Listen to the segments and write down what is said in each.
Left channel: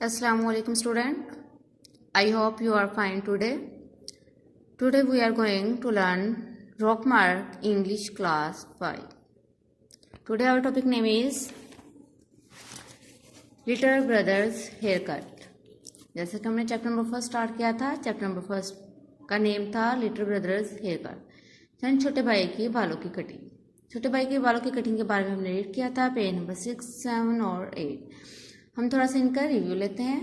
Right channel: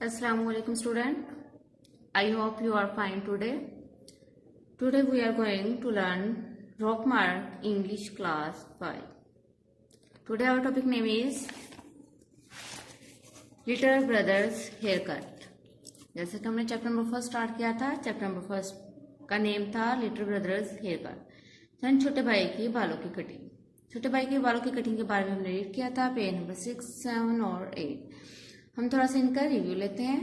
Assalamualaikum student. I hope you are fine today. Today we are going to learn Rockmark English class 5. Today our topic name is Little Brothers Haircut. जैसे कि हमने chapter number first start किया था, chapter number first का name था little brothers hair cut, यानी छोटे भाई के बालों की कटिंग। छोटे भाई के बालों की कटिंग के बारे में हमने रीड किया था पेज नंबर 6, 7 और 8। हम थोड़ा सा इनका रिव्यू लेते हैं।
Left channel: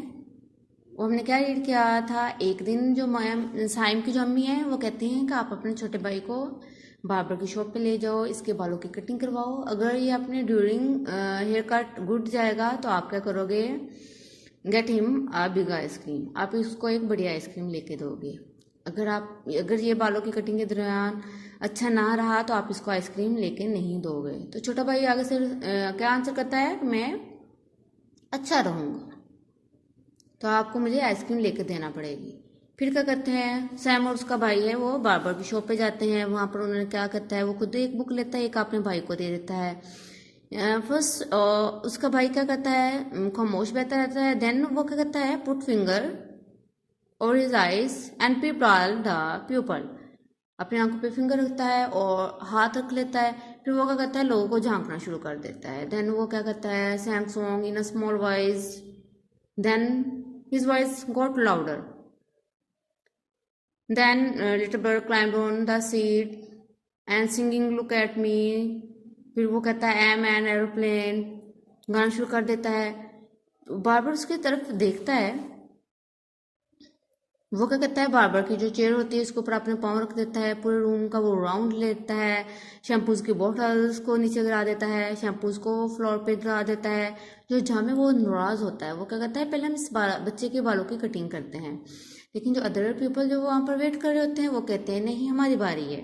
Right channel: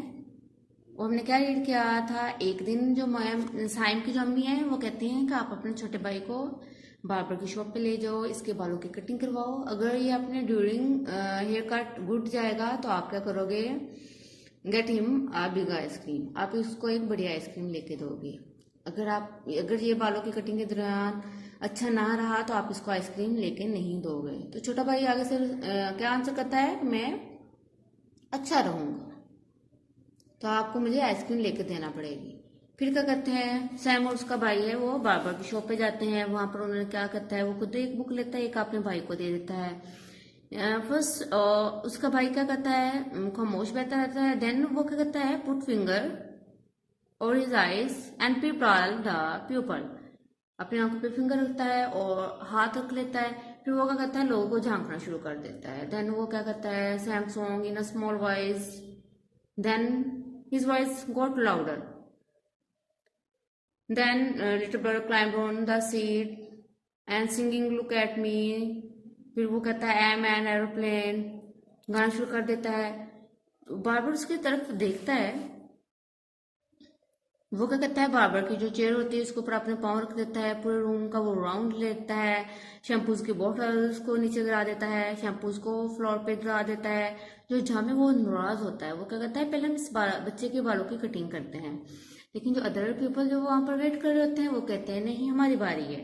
वो हमने क्या रीड किया था, एक दिन जो साइम की जो अम्मी है वो कहती हैं कि आप अपने छोटे भाई को बार्बर की शॉप पे ले जाओ, इसके बालों की कटिंग करवाओ। अगर ये अपने ड्यूरिंग हेयर कट गुड जाएगा तो आप क्या करोगे, get him a big ice cream, आप इसको एक बड़ी आइसक्रीम लेके दोगे। अगर ये बालों की कटिंग के दौरान अच्छा ना रहा तो आप इसको आइसक्रीम लेके नहीं दोगे। तो छोटा भाई आगे से क्या आंसर करता है, मैं अच्छा रहूंगा तो आपको मुझे आइसक्रीम लेके देना पड़ेगी। फिर क्या करते हैं, सैम और उसका भाई है वो बार्बर की शॉप पे जाते हैं। वहां पर उन्होंने क्या करता है, वो खुद एक बुक लेता है, एक अपने भाई को दे देता है। फर्स्ट उसका भाई क्या करता है, खामोश बैठा रहता है। देन वो क्या करता है, पुट फिंगर और his eyes and people the pupal, अपनी आंखों पे फिंगर रखता है और हाथ रख लेता है। फिर वो क्या करता है, लोगों को झांकना शुरू कर देता है। देन वो क्या करता है, sang song in a small voice, then his voice got louder, then little bird climbed on the seat and singing look at me. फिर वो कहता है आई एम एन एरोप्लेन, गाना शुरू कर देता है। बार्बर उसकी तरफ देखता है, वो क्या करता है, बार्बर की जो चेयर होती है उसके ऊपर अपने पाँव रख देता है। पूरे रूम का वो राउंड लेता है, शैम्पूज की बॉटल्स को नीचे गिरा देता है, शैम्पूज को फ्लोर पे गिरा देता है। जो जहाँ में वो नाराज होता है वो क्या करता है, पहले हम इस बच्चे के बालों की कटिंग करते हैं। लेकिन जो अदर पीपल जो वहां पर वेट कर रहे होते हैं वो कहते हैं नहीं हमारी बारी है।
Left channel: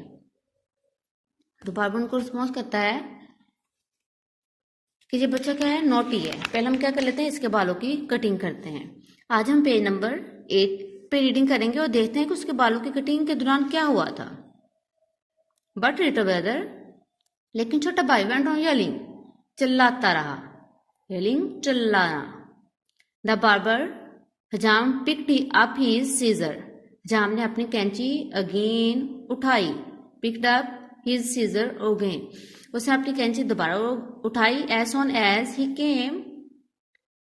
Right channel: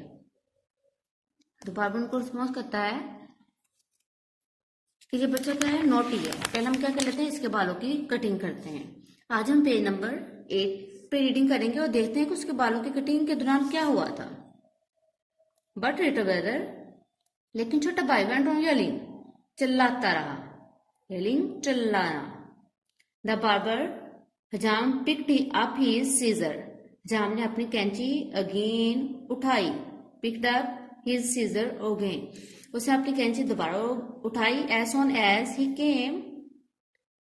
तो बार्बर उनको रिस्पॉन्स करता है कि ये बच्चा क्या है, नोटी है, पहले हम क्या कर लेते हैं, इसके बालों की कटिंग करते हैं। आज हम पेज नंबर 8 पे रीडिंग करेंगे और देखते हैं कि उसके बालों की कटिंग के दौरान क्या हुआ था। बट लिटिल ब्रदर, लेकिन छोटा भाई वेंट ऑन येलिंग, चिल्लाता रहा। येलिंग, चिल्लाना। द बार्बर हजाम पिक्ड अप हिज सीजर, हजाम ने अपनी कैंची अगेन उठाई। Picked up his scissor again, उसने अपनी कैंची दोबारा उठाई। As on as he came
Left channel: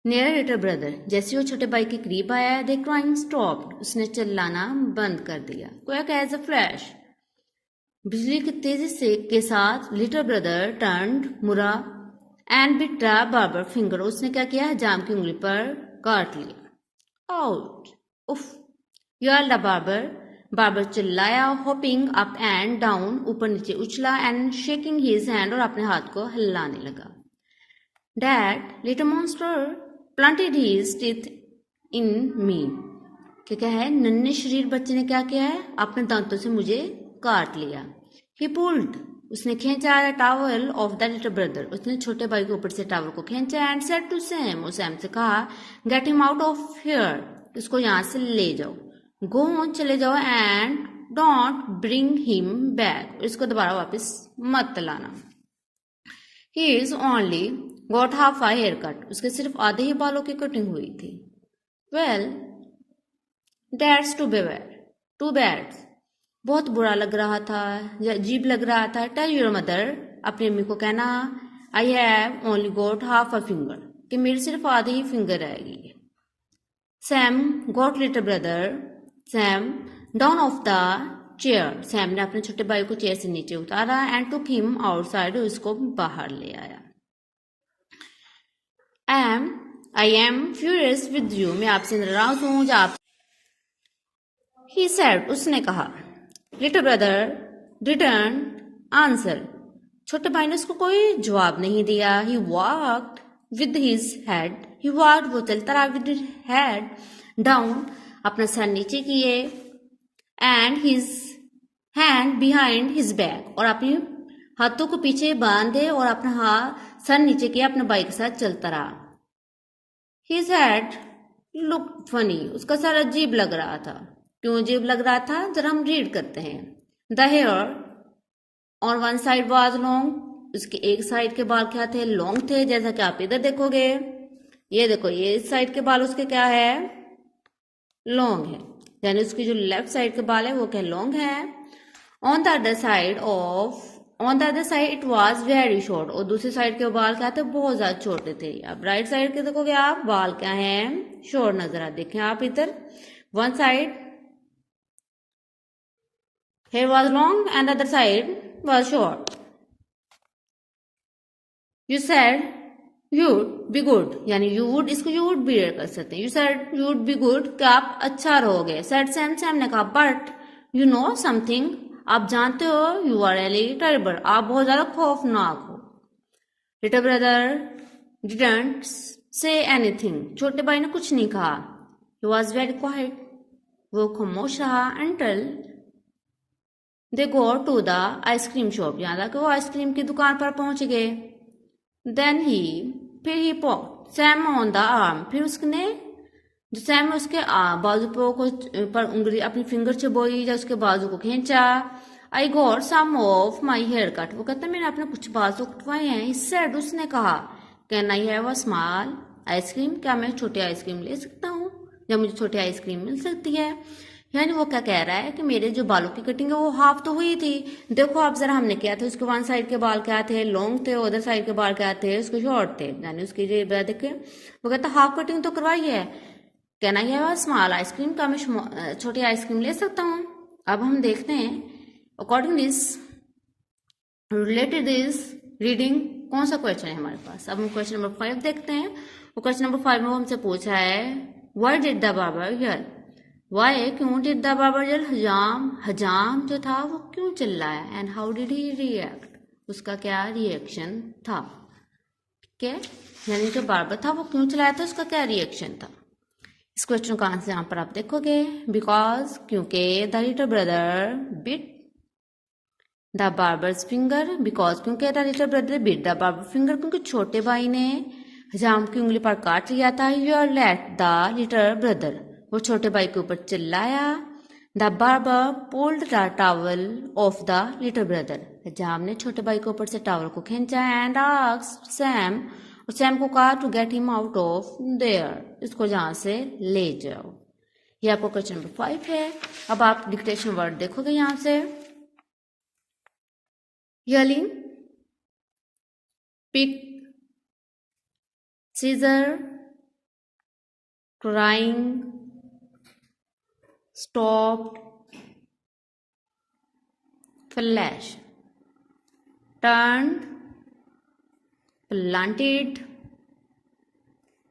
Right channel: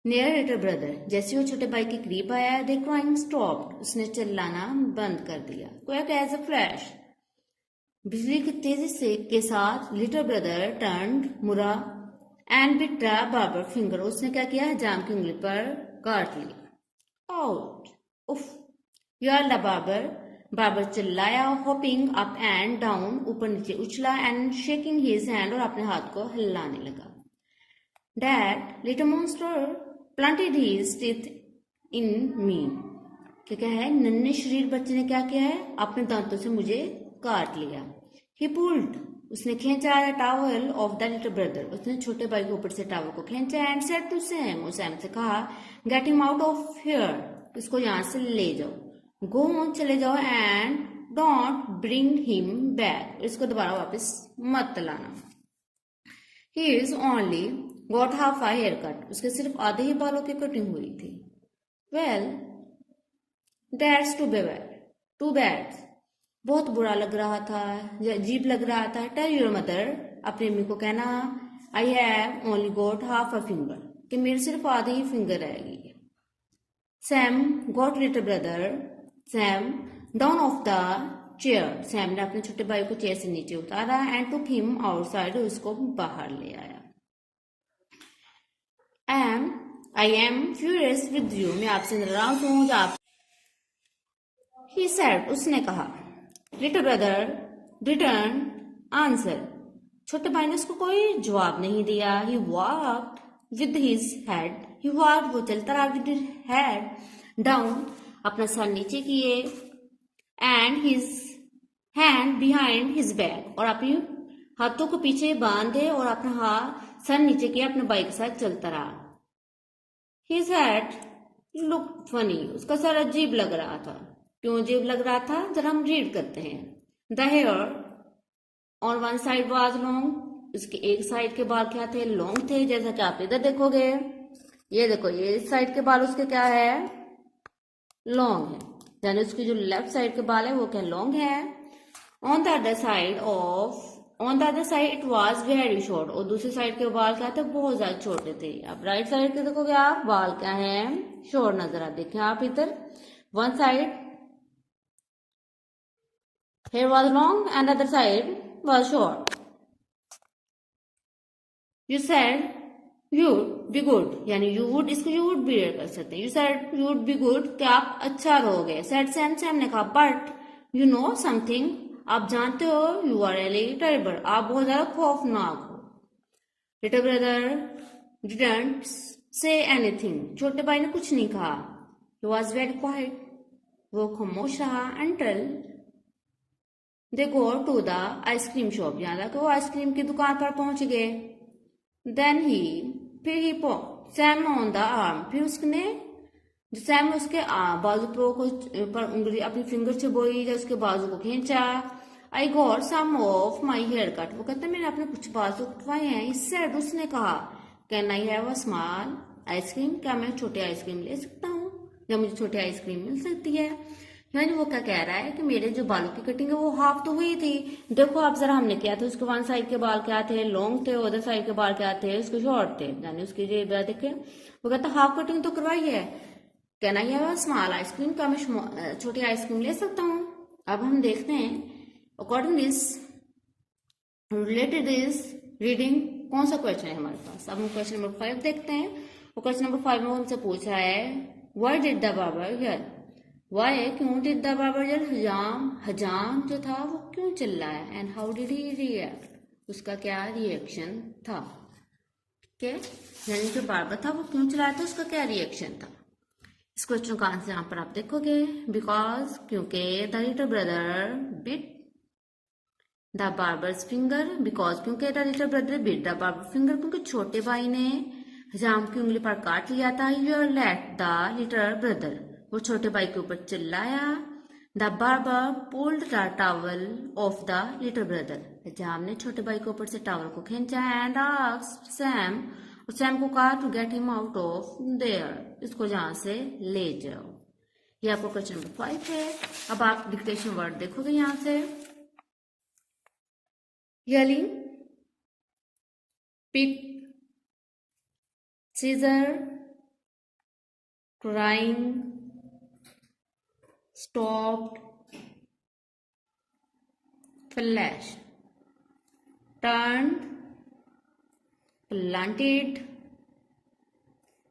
near little brother, जैसे वो छोटे भाई के करीब आया, दे क्राइंग स्टॉप्ड, उसने चिल्लाना बंद कर दिया। क्विक एज अ फ्लैश, बिजली की तेजी से के साथ लिटिल ब्रदर टर्न्ड, मुड़ा, and bit the barber finger, उसने क्या किया, जाम की उंगली पर काट लिया। आउट, उफ, यर्ल्ड द बार्बर, बार्बर चिल्लाया। होपिंग अप एंड डाउन, ऊपर नीचे उछला, एंड शेकिंग हिज हैंड, और अपने हाथ को हिलाने लगा। Dad, little monster planted his teeth in me, क्या है, नन्हे शरीर बच्चे ने क्या किया है, अपने दांतों से मुझे काट लिया। ही पुल्ड, उसने खींचा towel off the little brother, उसने छोटे भाई के ऊपर से टावल को खींचा। एंड सेड टू सैम, और सैम से कहा, get him out of here, इसको यहाँ से ले जाओ। गो, चले जाओ, and don't bring him back, इसको दोबारा वापस मत लाना। He is only got half a haircut, उसके सिर्फ आधे ही बालों की कटिंग हुई थी। वेल दैट्स टू बैड, बहुत बुरा लग रहा था या अजीब लग रहा था। टेल योर मदर, अपनी अम्मी को कहना, I have only got half a finger, कि मेरे सिर्फ आधे ही फिंगर रहेगी। Sam got little brother, Sam down of the chair, Sam ने अपने छोटे भाई को चेयर से नीचे उतारा। एंड टुक हिम आउटसाइड, उसको बाहर ले आया। I am furious with you, मैं आपसे नाराज हूं। आप, ही सेड, उसने कहा। लिटिल ब्रदर रिटर्न आंसर, छोटे भाई ने उसको कोई जवाब नहीं दिया। He walked with his head, he walked, वो चलता रहा, विद हेड डाउन, अपना सर नीचे किए, and his hand behind his back, और अपने हाथों को पीछे बांधे और अपना हाथ सर नीचे किया, अपने भाई के साथ चलता रहा। हिज हेड लुक फनी, उसका सर अजीब लग रहा था। क्यों अजीब लग रहा था, जरा हम रीड करते हैं। The hair on one side was long, उसके एक साइड के बाल क्या थे, लॉन्ग थे, जैसा कि आप इधर देखोगे। ये देखो, ये इस साइड के बाल उसके क्या है, लॉन्ग है, यानी उसकी जो लेफ्ट साइड के बाल है वो क्या लॉन्ग है। On the other side it was very short, और दूसरी साइड के बाल क्या थे, बहुत ज्यादा छोटे थे। अब राइट साइड के देखोगे आप, बाल क्या है, शॉर्ट नजर आ, देखें आप इधर, one side hair was long and other side was short. You said you be good, यानी यू वुड, इसको यू वुड भी कर सकते हैं। You said you would be good, कि आप अच्छा रहोगे। सेड सैम ने कहा बट यू नो समथिंग, आप जानते हो, यू आर रियली टेरिबल, आप बहुत ज्यादा खौफनाक हो। Little brother didn't say anything, छोटे भाई ने कुछ नहीं कहा। ही वॉज वेरी क्वाइट, वो खामोश रहा। until they go to the ice cream shop, यहाँ तक वो आइसक्रीम की दुकान पर पहुंच गए। देन ही, फिर he pop Sam on the arm, फिर उसने जो सैम है उसके बाजू पर उंगली अपनी फिंगर चबोई या उसके बाजू को खींचा। I got some of my hair cut, वो कहता मैंने अपने कुछ बाल तो कटवाए हैं। सेड, उसने कहा, can I have a small ice cream, क्या मैं छोटी आइसक्रीम ले सकता हूँ, या मुझे छोटी आइसक्रीम मिल सकती है। यानी वो क्या कह रहा है कि मेरे जो बालों की कटिंग है वो हाफ तो हुई थी। देखो आप जरा, हमने किया था, उसके वन साइड के बाल क्या थे, लॉन्ग थे, अदर साइड के बाल क्या थे, उसके शॉर्ट थे, यानी उसकी जो देखे, वो कहता हाफ कटिंग तो करवाई है। Can I have a small ice cream, क्या मैं छोटी आइसक्रीम ले सकता हूँ। अब हम देखते हैं according this, related this reading, कौन सा क्वेश्चन है हमारे पास। अब हम क्वेश्चन नंबर 5 देखते हैं। तो क्वेश्चन नंबर 5 में हमसे पूछा है, why did the barber yell, why, क्यों, डिड द बार्बर यल, हजाम जो था वो क्यों चिल्लाया, and how did he react, उसका क्या रिएक्शन था। ठीक है, यानी जो बार्बर था वो क्यों चिल्लाया था, उसका क्या रिएक्शन था। इस क्वेश्चन का आंसर यहाँ पर आप देखोगे, बिकॉज, क्योंकि the little brother bit the barber's finger, because क्योंकि the little brother bit the barber finger, क्योंकि छोटे भाई ने हजाम की उंगली पर काट लिया था। Yelled at the little brother, वो छोटे भाई के ऊपर चिल्लाया। The barber pulled the towel off the little brother, हजाम ने छोटे भाई के ऊपर से टॉवल को खींचा। एंड आस्क्ड सैम, और सैम को कहा to get him out of there, इसको जहां से ले जाओ। ये आपको क्वेश्चन नंबर 5 है। अब आप डिक्टेशन वर्ड देखोगे यहां से, yelling, pick, scissor, crying, stopped, flash, turned, planted,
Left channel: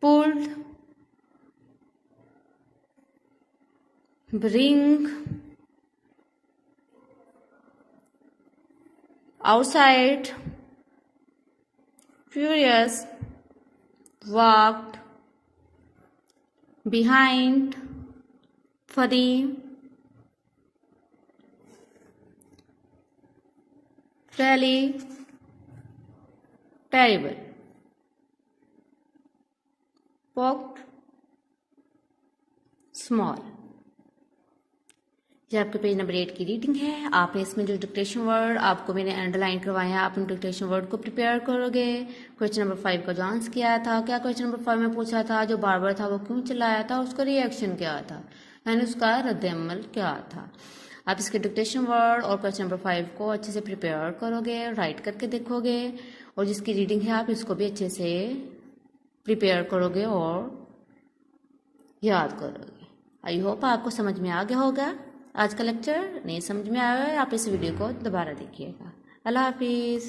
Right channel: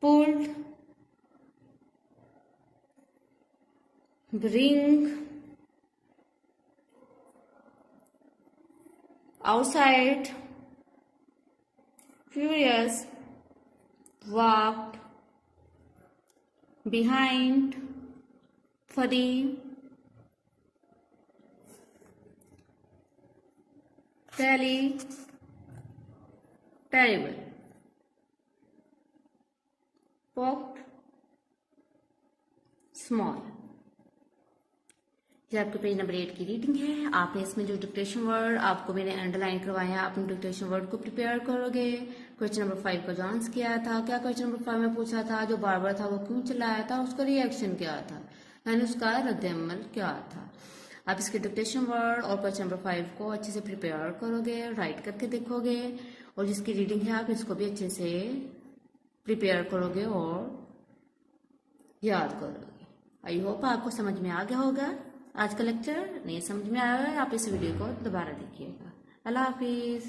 pulled, bring, outside, furious, walked, behind, furry, tally, terrible, poked, small। ये आपके पेज नंबर 8 की रीडिंग है। आपने इसमें जो डिक्टेशन वर्ड आपको मैंने अंडरलाइन करवाया है, आप इन डिक्टेशन वर्ड को प्रिपेयर करोगे। क्वेश्चन नंबर 5 का जो आंसर किया था, क्या क्वेश्चन नंबर 5 में पूछा था, जो बार्बर था वो क्यों चिल्लाया था, उसका रिएक्शन क्या था, यानी उसका रद्द-ए-अमल क्या था। आप इसके डिक्टेशन वर्ड और क्वेश्चन नंबर 5 को अच्छे से प्रिपेयर करोगे, राइट करके देखोगे, और जिसकी रीडिंग है आप इसको भी अच्छे से प्रिपेयर करोगे और याद करोगे। आई होप आपको समझ में आ गया होगा। आज का लेक्चर नहीं समझ में आया है, आप इस वीडियो को दोबारा देखिएगा। अल्लाह हाफिज़।